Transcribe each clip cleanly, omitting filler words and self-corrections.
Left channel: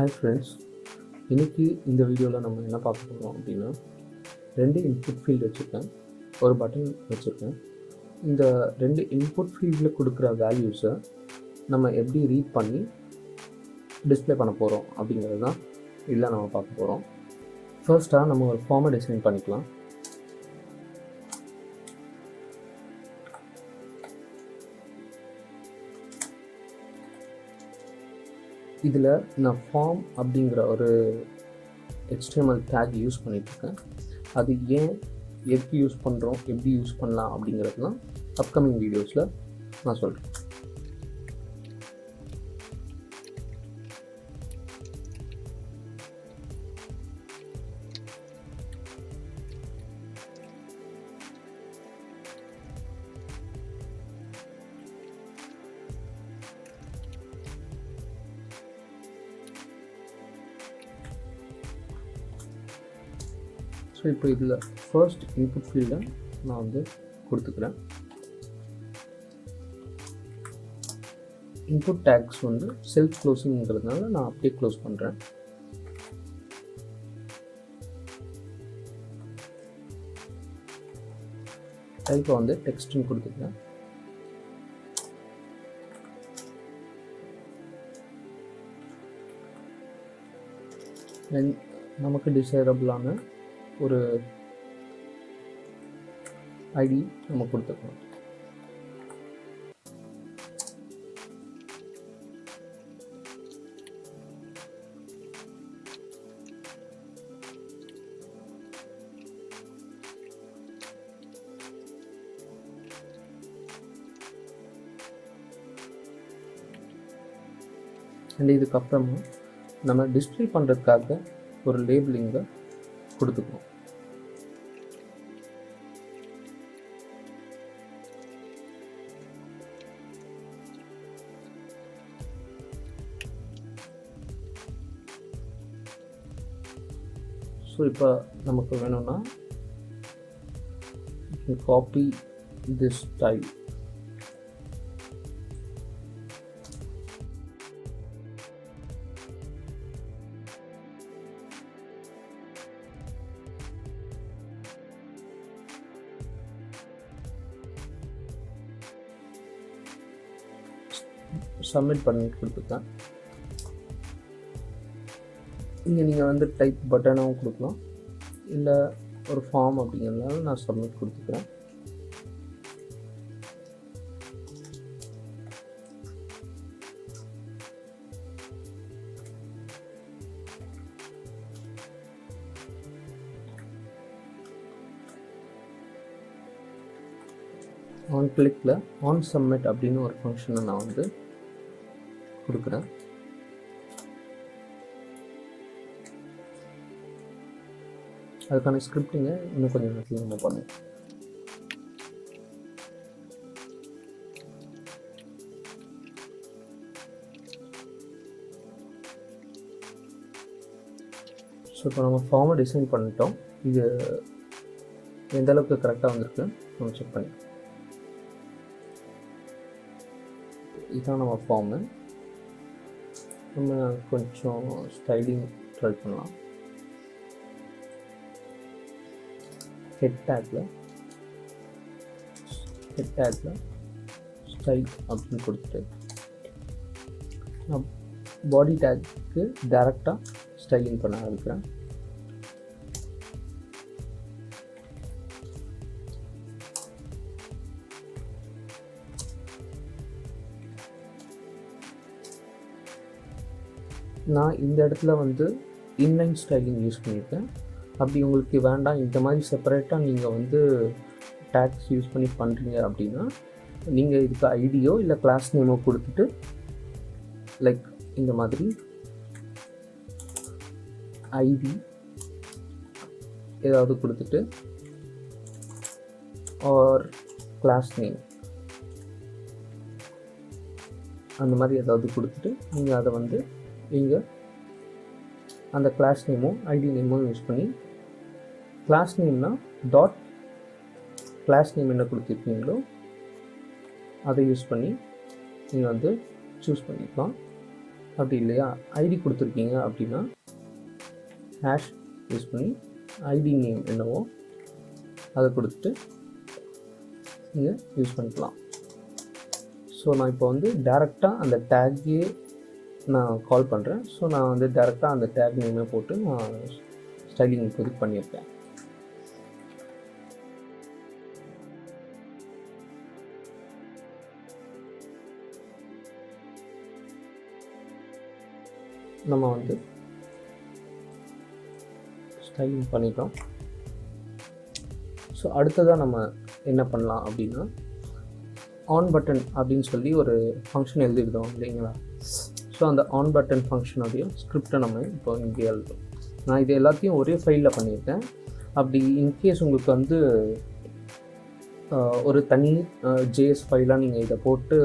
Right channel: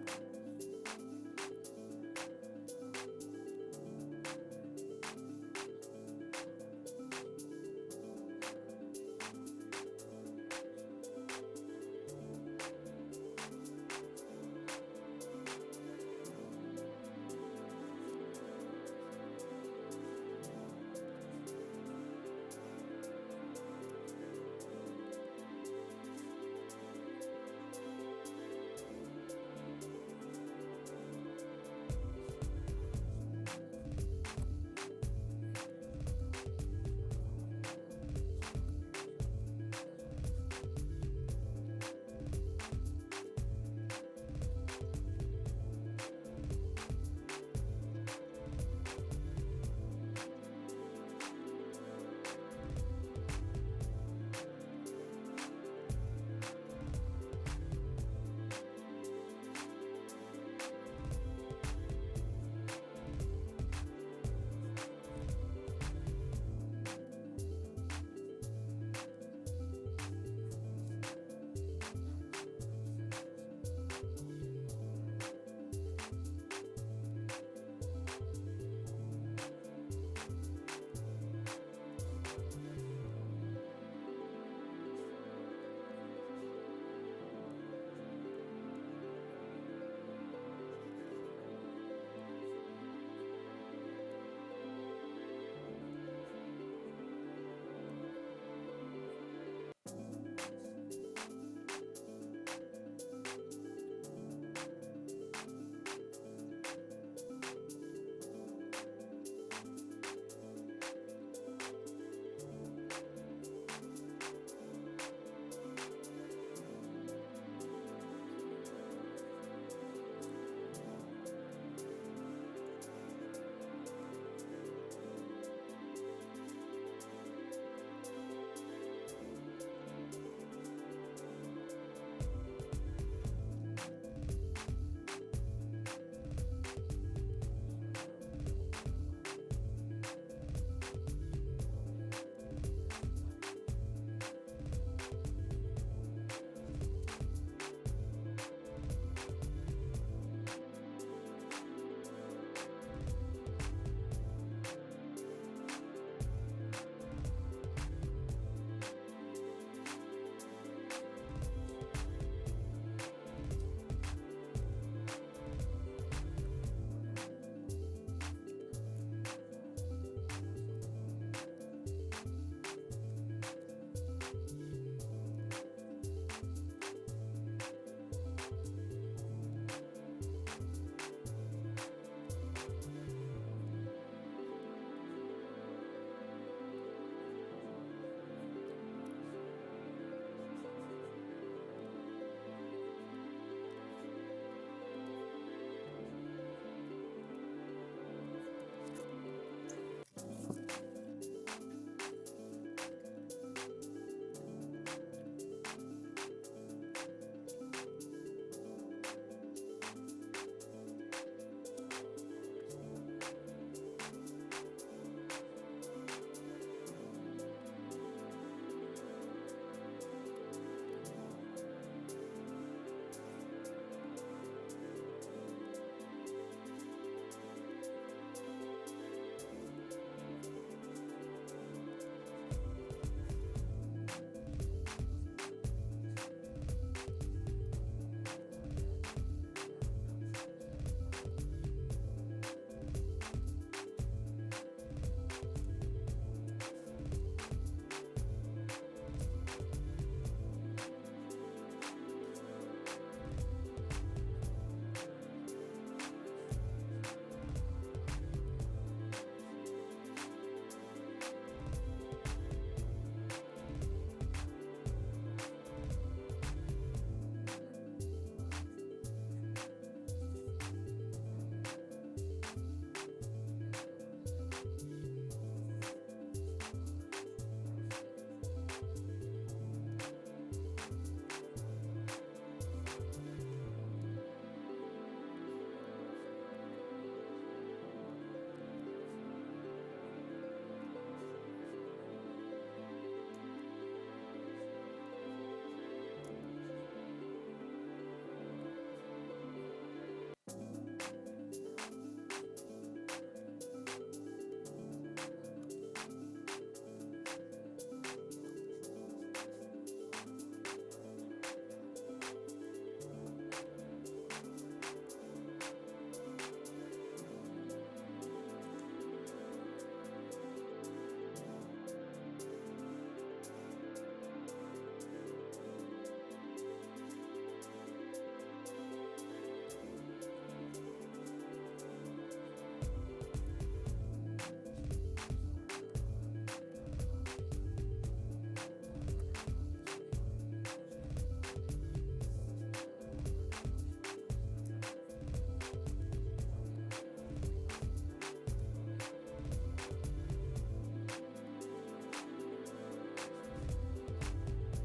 Hi friends, இன்றைக்கி இந்த வீடியோவில் நம்ம என்ன பார்க்க போகிறோம் அப்படின்னா, 2 இன்புட் ஃபீல்டு வச்சுருக்கேன், ஒரு பட்டன் வச்சுருக்கேன். இந்த 2 இன்புட் ஃபீல்டில் கொடுக்குற வேல்யூஸை நம்ம எப்படி ரீட் பண்ணி டிஸ்பிளே பண்ண போகிறோம் அப்படிங்கிறது தான் இதில் நம்ம பார்க்க போகிறோம். ஃபர்ஸ்ட்டாக நம்ம ஒரு ஃபார்மை டிசைன் பண்ணிக்கலாம். இதில் நான் ஃபார்ம் அப்படிங்கிற ஒரு HTML டேக் யூஸ் பண்ணிகிட்ருக்கேன். அது ஏன், எதுக்கு யூஸ் பண்ணுறோம், எப்படி யூஸ் பண்ணலாம் அப்படிங்கிறதுலாம் அப்கமிங் வீடியோஸில் நான் சொல்கிறேன். ஸோ இப்போ இதில் ஃபர்ஸ்ட் இன்புட் ஃபீல்டை நான் வந்து கொடுத்துக்கிறேன். இன்புட் டேக்ஸ் வந்து செல்ஃப் க்ளோசிங்கிறதுனால நான் அப்படியே க்ளோஸ் பண்ணுறேன். டைப்பை வந்து டெக்ஸ்ட்னு கொடுத்துக்கிறேன். தென் நமக்கு டிசைரபிளான ஒரு ஐடி நம்ம கொடுத்துக்கலாம். அண்ட் இதுக்கப்புறமா நம்ம டிஸ்பிளே பண்ணுறதுக்காக ஒரு லேபிளிங்கை கொடுத்துக்கிறோம். ஸோ இப்போ நமக்கு வேணும்னா காப்பி திஸ் ஸ்டைல், சப்மிட் பண்ணிட்டு கொடுத்துருக்கேன். இங்கே நீங்கள் வந்து டைப் பட்டனாகவும் கொடுக்கலாம், இல்லை ஒரு ஃபார்ம் அப்படிங்கிறதுனால நான் சப்மிட் கொடுத்துக்கிறேன். ஆன் கிளிக்கில் ஆன் சப்மிட் அப்படின்னு ஒரு ஃபங்க்ஷனை நான் வந்து கொடுக்குறேன். அதுக்கான ஸ்கிரிப்டிங்கை இன்னும் கொஞ்சம் நேரத்தில் நம்ம பண்ணுவோம். ஸோ இப்போ நம்ம ஃபார்மை டிசைன் பண்ணிட்டோம். இது எந்த அளவுக்கு கரெக்டாக வந்திருக்கு நம்ம செக் பண்ணி, இதுதான் நம்ம ஃபார்மு. நம்ம கொஞ்சம் ஸ்டைலிங் ட்ரை பண்ணலாம். ஹெட் டேக்கில் ஸ்டைல் அப்படின்னு கொடுத்துட்டு நான் பாடி டேக்கு டைரெக்டாக ஸ்டைலிங் பண்ண ஆரம்பிக்கிறேன். நான் இந்த இடத்துல வந்து இன்லைன் ஸ்டைலிங் யூஸ் பண்ணியிருக்கேன். அப்படி உங்களுக்கு வேண்டாம், இந்த மாதிரி செப்பரேட்டாக நீங்கள் வந்து டேக்ஸ் யூஸ் பண்ணி பண்ணுறீங்க அப்படின்னா நீங்கள் இதுக்கு ஐடியோ இல்லை கிளாஸ் நேமோ கொடுத்துட்டு, லைக் இந்த மாதிரி ஐடி ஏதாவது கொடுத்துட்டு ஆர் கிளாஸ் நேம் அந்த மாதிரி ஏதாவது கொடுத்துட்டு நீங்கள் அதை வந்து நீங்கள் அந்த கிளாஸ் நேமோ ஐடி நேமோ யூஸ் பண்ணி, கிளாஸ் நேம்னா டாட் கிளாஸ் நேம் என்ன கொடுத்துருக்கீங்களோ அதை யூஸ் பண்ணி நீங்கள் வந்து சூஸ் பண்ணிக்கலாம். அப்படி இல்லையா ஐடி கொடுத்துருக்கீங்க அப்படின்னா ஹேஷ் யூஸ் பண்ணி ஐடி நேம் என்னவோ அதை கொடுத்துட்டு நீங்கள் யூஸ் பண்ணிக்கலாம். ஸோ நான் இப்போ வந்து டேரெக்டாக அந்த டேக்கே நான் கால் பண்ணுறேன். ஸோ நான் வந்து டேரெக்டாக அந்த டேக் நேமே போட்டு நான் ஸ்டைலிங் இப்போதைக்கு பண்ணியிருக்கேன். நம்ம வந்து ஸ்டைலிங் பண்ணிட்டோம். ஸோ அடுத்ததாக நம்ம என்ன பண்ணலாம் அப்படின்னா ஆன் பட்டன் அப்படின்னு சொல்லி ஒரு ஃபங்க்ஷன் எழுதிருக்கோம் இல்லைங்களா. ஸோ அந்த ஆன் பட்டன் ஃபங்க்ஷனுடைய ஸ்கிரிப்டை நம்ம இப்போ இங்கே எழுதுறோம். நான் இது எல்லாத்தையும் ஒரே ஃபைலில் பண்ணியிருக்கேன். அப்படி இன்கேஸ் உங்களுக்கு வந்து ஒரு தனி ஜேஎஸ் ஃபைலாக நீங்கள் இதை போட்டு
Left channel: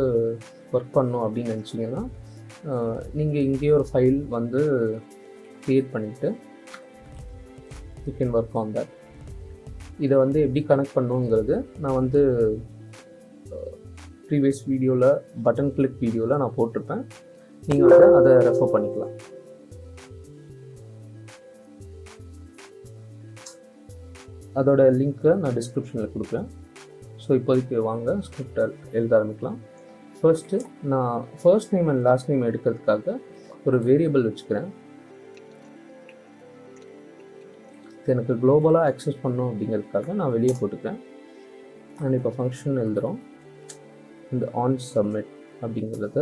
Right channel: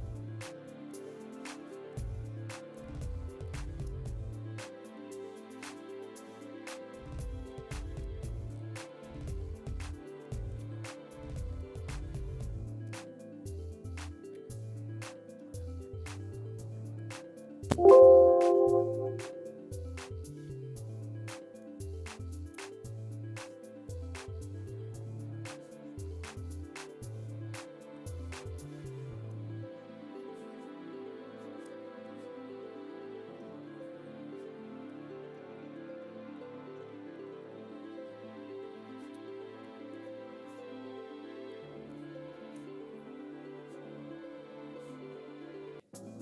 ஒர்க் பண்ணணும் அப்படின்னு நினச்சிங்கன்னா நீங்கள் இங்கேயே ஒரு ஃபைல் வந்து க்ரியேட் பண்ணிவிட்டு you can work on that. இதை வந்து எப்படி கனெக்ட் பண்ணுங்கிறது நான் வந்து ப்ரீவியஸ் வீடியோவில் பட்டன் கிளிக் வீடியோவில் நான் போட்டிருப்பேன். நீங்கள் அதை ரெஃபர் பண்ணிக்கலாம். அதோட லிங்க்கை நான் டிஸ்கிரிப்ஷனில் கொடுக்குறேன். ஸோ இப்போதைக்கு வாங்க ஸ்கிரிப்டை எழுத ஆரம்பிக்கலாம். ஃபர்ஸ்ட்டு நான் first name and last name எடுக்கிறதுக்காக ஒரு வேரியபிள் வச்சுக்கிறேன். எனக்கு குளோபலாக ஆக்சஸ் பண்ணணும் அப்படிங்கிறதுக்காக நான் வெளியே போட்டுக்கிறேன். நான் இப்போ ஃபங்க்ஷன் எழுதுகிறோம். இந்த ஆன் சப்மிட் அப்படிங்கிறத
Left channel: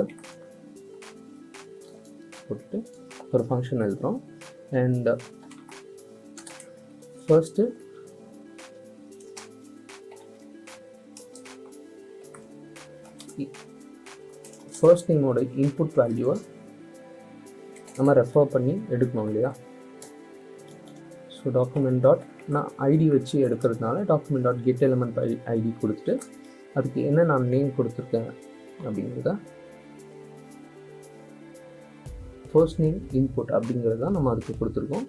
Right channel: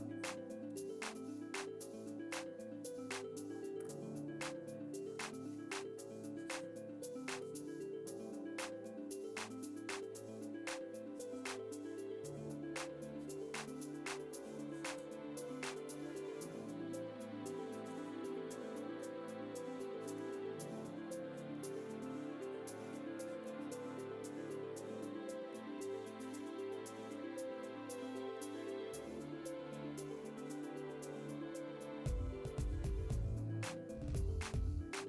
போட்டு ஒரு ஃபங்க்ஷன் எழுதுகிறோம். அண்ட் ஃபர்ஸ்ட்டு ஃபர்ஸ்ட் நேமோட இன்புட் வேல்யூவை நம்ம ரெஃபர் பண்ணி எடுக்கணும் இல்லையா. ஸோ டாக்குமெண்ட் டாட் நான் ஐடி வச்சு எடுக்கிறதுனால document dot get element ID கொடுத்துட்டு அதுக்கு என்ன நான் நேம் கொடுத்துருக்கேன் அப்படிங்கிறத ஃபர்ஸ்ட் நேம் இன்புட் அப்படிங்கிறது தான் நம்ம அதுக்கு கொடுத்துருக்கோம்.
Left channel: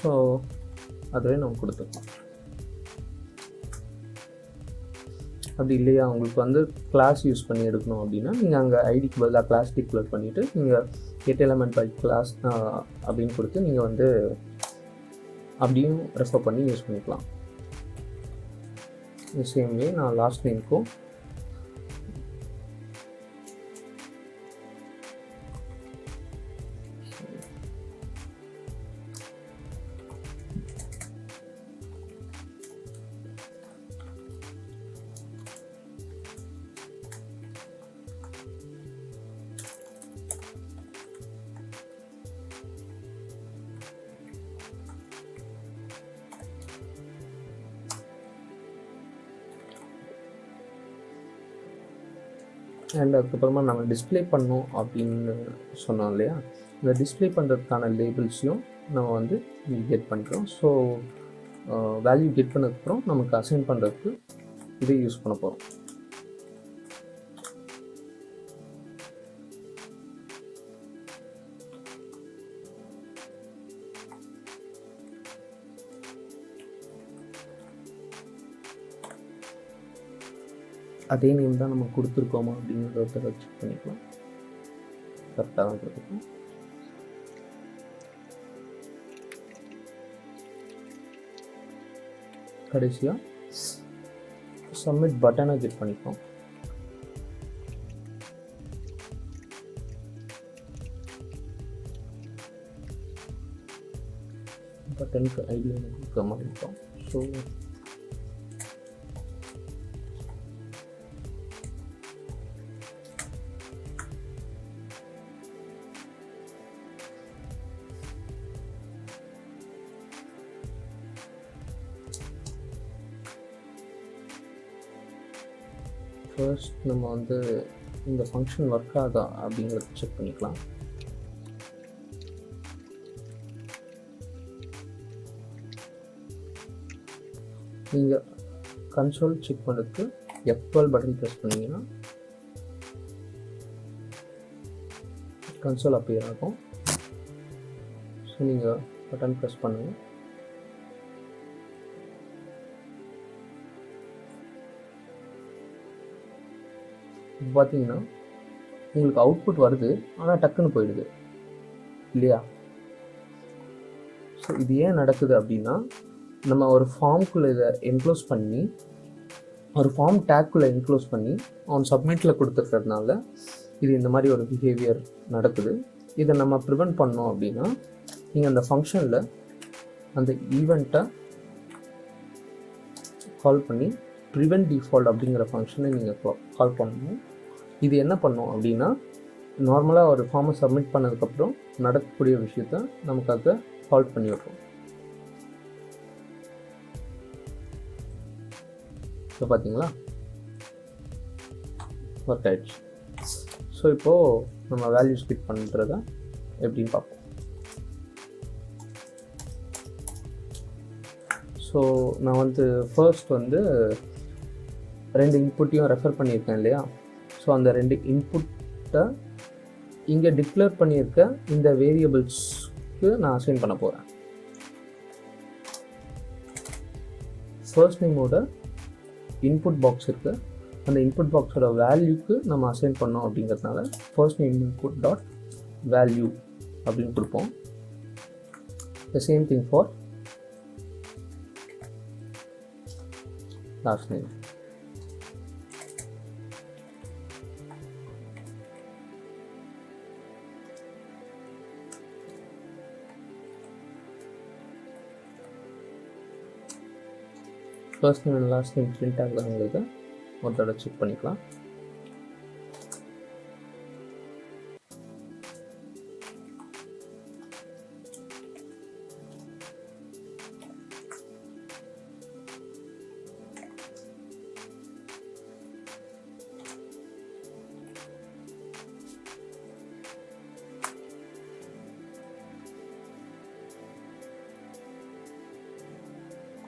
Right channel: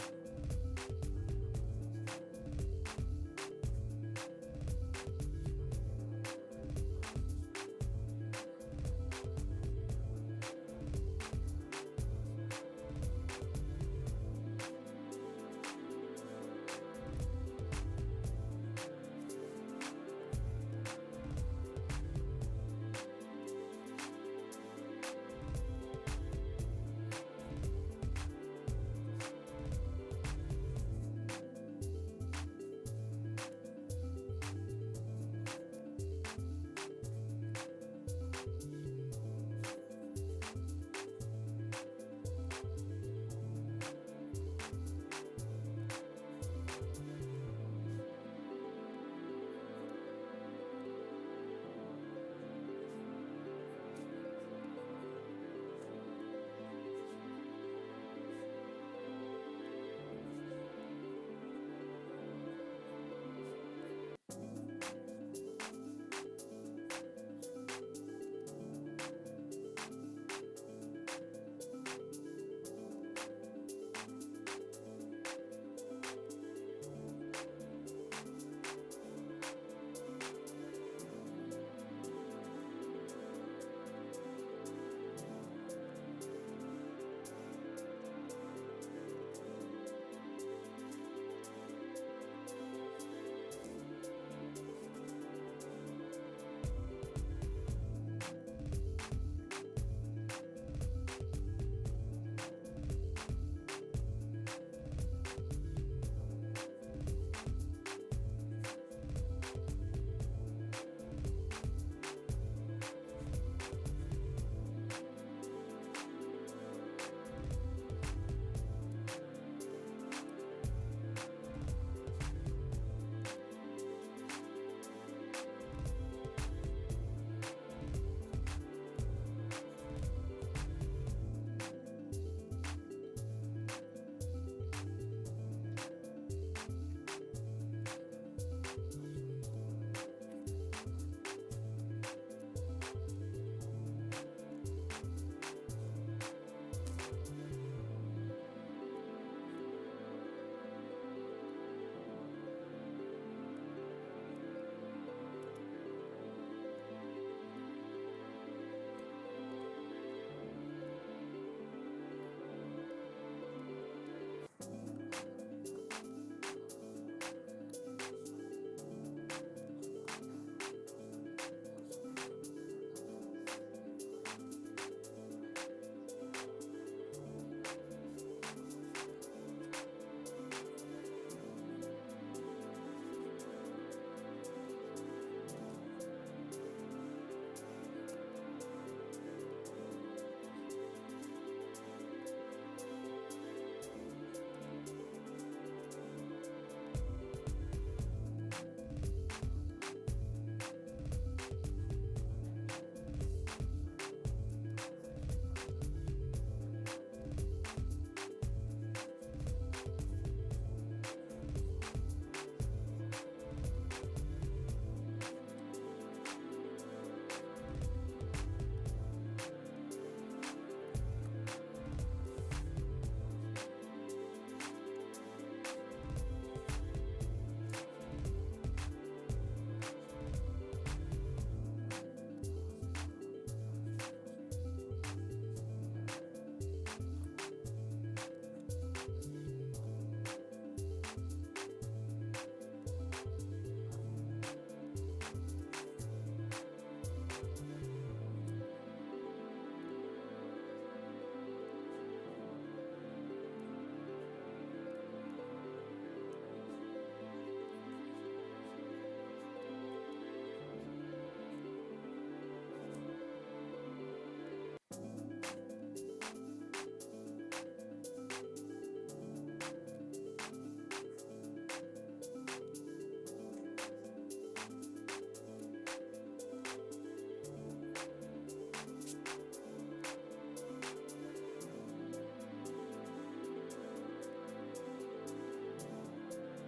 ஸோ அதுவே நம்ம கொடுத்துருக்கோம். அப்படி இல்லையா உங்களுக்கு வந்து கிளாஸ் யூஸ் பண்ணி எடுக்கணும் அப்படின்னா நீங்கள் அங்கே ஐடிக்கு பதிலாக கிளாஸ் டிக்ளேர் பண்ணிவிட்டு நீங்கள் கெட் எலிமெண்ட் பை கிளாஸ் அப்படின்னு கொடுத்து நீங்கள் வந்து அப்படியும் ரெஃபர் பண்ணி யூஸ் பண்ணிக்கலாம். சேம் வே நான் லாஸ்ட் நேம்க்கும் அண்ட் அதுக்கப்புறமா நம்ம டிஸ்பிளே பண்ணோம் அப்படின்னு சொன்னோம் இல்லையா. இந்த டிஸ்பிளே பண்ணுறதுக்கான லேபிள்ஸையும் நம்ம வந்து கெட் பண்ணிக்கிறோம். ஸோ வேல்யூ கெட் பண்ணதுக்கப்புறம் நமக்கு அசைன் பண்ணுறதுக்கு இதே யூஸ் பண்ண போகிறோம். அதே நேம் தான் நம்ம கொடுத்துருக்கோமா அப்படிங்கிறத செக் பண்ணிக்கலாம். கரெக்டாக தான் கொடுத்துருக்கோம். கடைசியாக சப்மிட் பட்டனை கிளிக் பண்ணிப்போம். பட்டனுக்கு ஐடியா கொடுக்க மாட்டோம். ஸோ ஃபர்ஸ்ட் நம்ம வந்து இந்த ஃபங்க்ஷன் ஒர்க் ஆகுதா அப்படிங்கிறத செக் பண்ணிக்கலாம். நீங்கள் கன்சோல் செக் பண்ணுறதுக்கு F12 பட்டன் ப்ரெஸ் பண்ணிங்கன்னா கன்சோல் அப்பியர் ஆகும். ஸோ நீங்கள் பட்டன் ப்ரெஸ் பண்ணுங்கள். இப்போ பார்த்தீங்கன்னா உங்களுக்கு அவுட்புட் வருது, ஆனால் டக்குன்னு போயிடுது. இல்லையா? ஸோ இது ஏன் நடக்குது அப்படின்னா, நம்ம ஒரு ஃபார்ம்குள்ளே இதை என்க்ளோஸ் பண்ணி, ஒரு ஃபார்ம் டேக்குள்ளே என்க்ளோஸ் பண்ணி ஆன் சப்மிட்டில் கொடுத்துருக்கிறதுனால இது இந்த மாதிரி ஒரு பிஹேவியர் நடக்குது. இதை நம்ம ப்ரிவெண்ட் பண்ணோம் அப்படின்னா, நீங்கள் அந்த ஃபங்க்ஷனில் அந்த ஈவெண்ட்டை கால் பண்ணி ப்ரிவெண்ட் டிஃபால்ட் அப்படிங்கிற ஃபங்க்ஷனை நீங்கள் கால் பண்ணணும். இது என்ன பண்ணும் அப்படின்னா, நார்மலாக ஒரு ஃபார்மை சப்மிட் பண்ணதுக்கப்புறம் நடக்கக்கூடிய விஷயத்த நமக்காக கால் பண்ணி வைப்போம். ஸோ பார்த்தீங்களா, ஒர்க் ஆயிடுச்சு. ஸோ இப்போது நம்ம வேல்யூ ஸ்பிட் பண்ணுறத எப்படின்னு பார்ப்போம். ஸோ நான் வந்து ஃபர்ஸ்ட் வந்து 2 இன்புட்டையும் ரெஃபர் பண்ணியிருக்கேன் இல்லையா? ஸோ அந்த 2 இன்புட்டை இங்கே டிக்ளேர் பண்ணியிருக்க இந்த வேரியபிள்ஸ்க்கு நான் அசைன் பண்ண போகிறேன். ஃபர்ஸ்ட் நேமோட இன்புட் பாக்ஸ் இருக்குது, அந்த இன்புட் பாக்ஸோட வேல்யூக்கு நம்ம அசைன் பண்ணோம் அப்படிங்கிறதுனால first name input dot value அப்படின்னு கொடுப்போம். The same thing for last name. First name and last name print ஆகுறவங்களுக்கு ஒரு தடவை செக் பண்ணிக்கலாம்.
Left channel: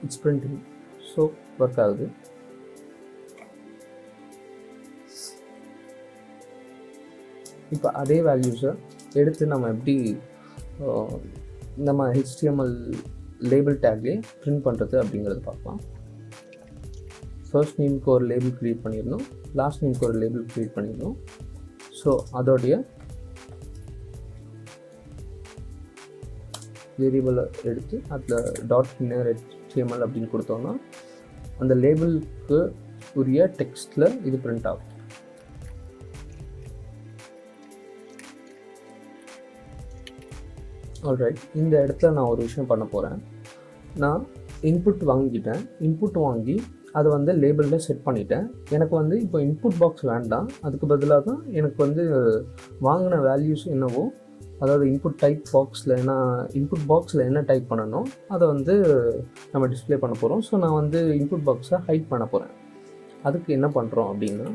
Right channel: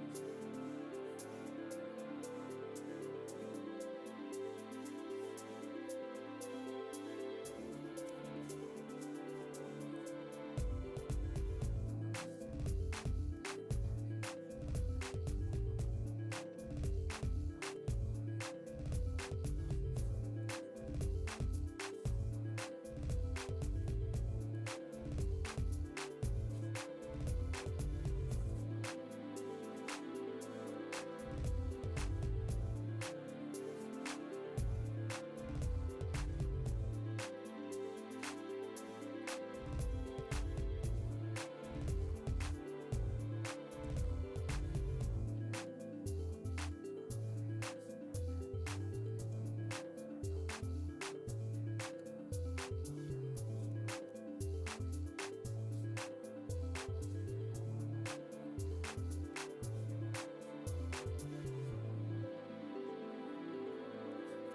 It's printing. ஸோ ஒர்க் ஆகுது. இப்போ அதே வேல்யூஸை எடுத்து நம்ம எப்படி நம்ம HTML லேபிள் டேக்லேயே பிரிண்ட் பண்ணுறது அப்படிங்கிறது பார்க்கலாம். ஃபர்ஸ்ட் நேமுக்கு ஒரு லேபிள் க்ரியேட் பண்ணிடணும், லாஸ்ட் நேமுக்கு ஒரு லேபிள் க்ரியேட் பண்ணிடணும். ஸோ அதோடைய வேரியபிளை எடுத்து அதில் டாட் இன்னர் HTML அப்படின்னு கொடுத்தோம்னா அந்த லேபிளுக்கு உரிய டெக்ஸ்ட்டில் இது பிரிண்ட் ஆகும். ஆல்ரைட், இந்த இடத்துல நான் ஒரு விஷயம் பண்ண போகிறேன். நான் இன்புட் வாங்கிட்டேன், இன்புட் வாங்கி அதை வந்து லேபிளில் செட் பண்ணிட்டேன். எனக்கு வந்து இப்போ இன்புட் பாக்ஸ் வேண்டாம், அதுக்கு பதிலாக தான் எனக்கு வந்து வாங்கின வேல்யூஸ் என்னவோ, அதாவது இன்புட் டைப் பாக்ஸில் இன்புட் பாக்ஸில் என்ன டைப் பண்ணணும் அதை வந்து நம்ம டிஸ்பிளே பண்ண போகிறோம். ஸோ நான் வந்து இன்புட் பாக்ஸை ஹைட் பண்ண போகிறேன். அதுக்கு என்ன பண்ணுறோம் அப்படின்னா,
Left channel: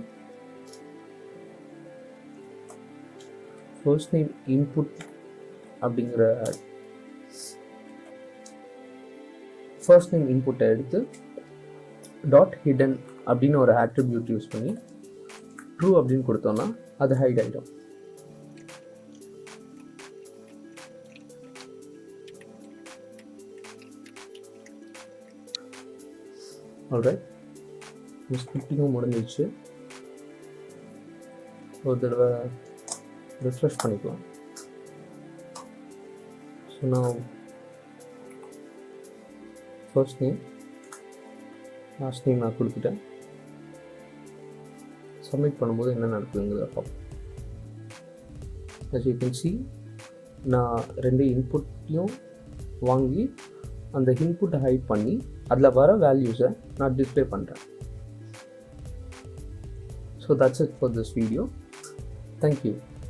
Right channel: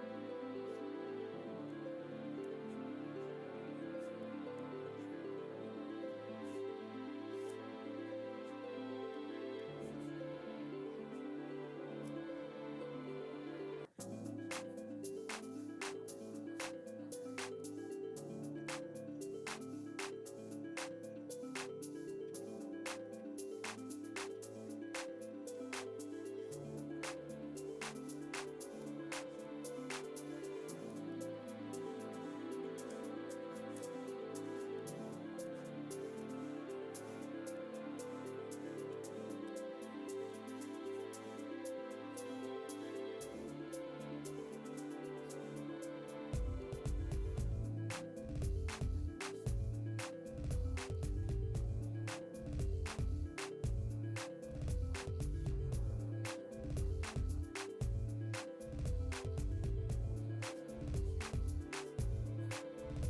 ஃபர்ஸ்ட் நேம் இன்புட் அப்படிங்கிற ஃபர்ஸ்ட் நேம் இன்புட்டை எடுத்து டாட் ஹிடன் அப்படின்னு ஒரு ஆட்ரிபியூட் யூஸ் பண்ணி ட்ரூ அப்படின்னு கொடுத்தோம்னா அது ஹைட் ஆகிடும். ஆல்ரைட், ஸ்கிரிப்டிங்கும் முடிஞ்சிடுச்சு. ஒரு தடவை ரிஃப்ரெஷ் பண்ணிக்கலாம். ஸோ நான் ஃபர்ஸ்ட் நேம் லாஸ்ட் நேம் நான் கொடுத்துட்டேன். சப்மிட் பண்ணும்போது என்ன நடக்குதுங்கிறத பார்ப்போம். as you can see, நான் 2 இன்புட்டையும் வாங்கி அந்த இன்புட்டை ஹைட் பண்ணி அதில் வர வேல்யூஸை நான் டிஸ்பிளே பண்ணுறேன். So that's it for this video. Thank you.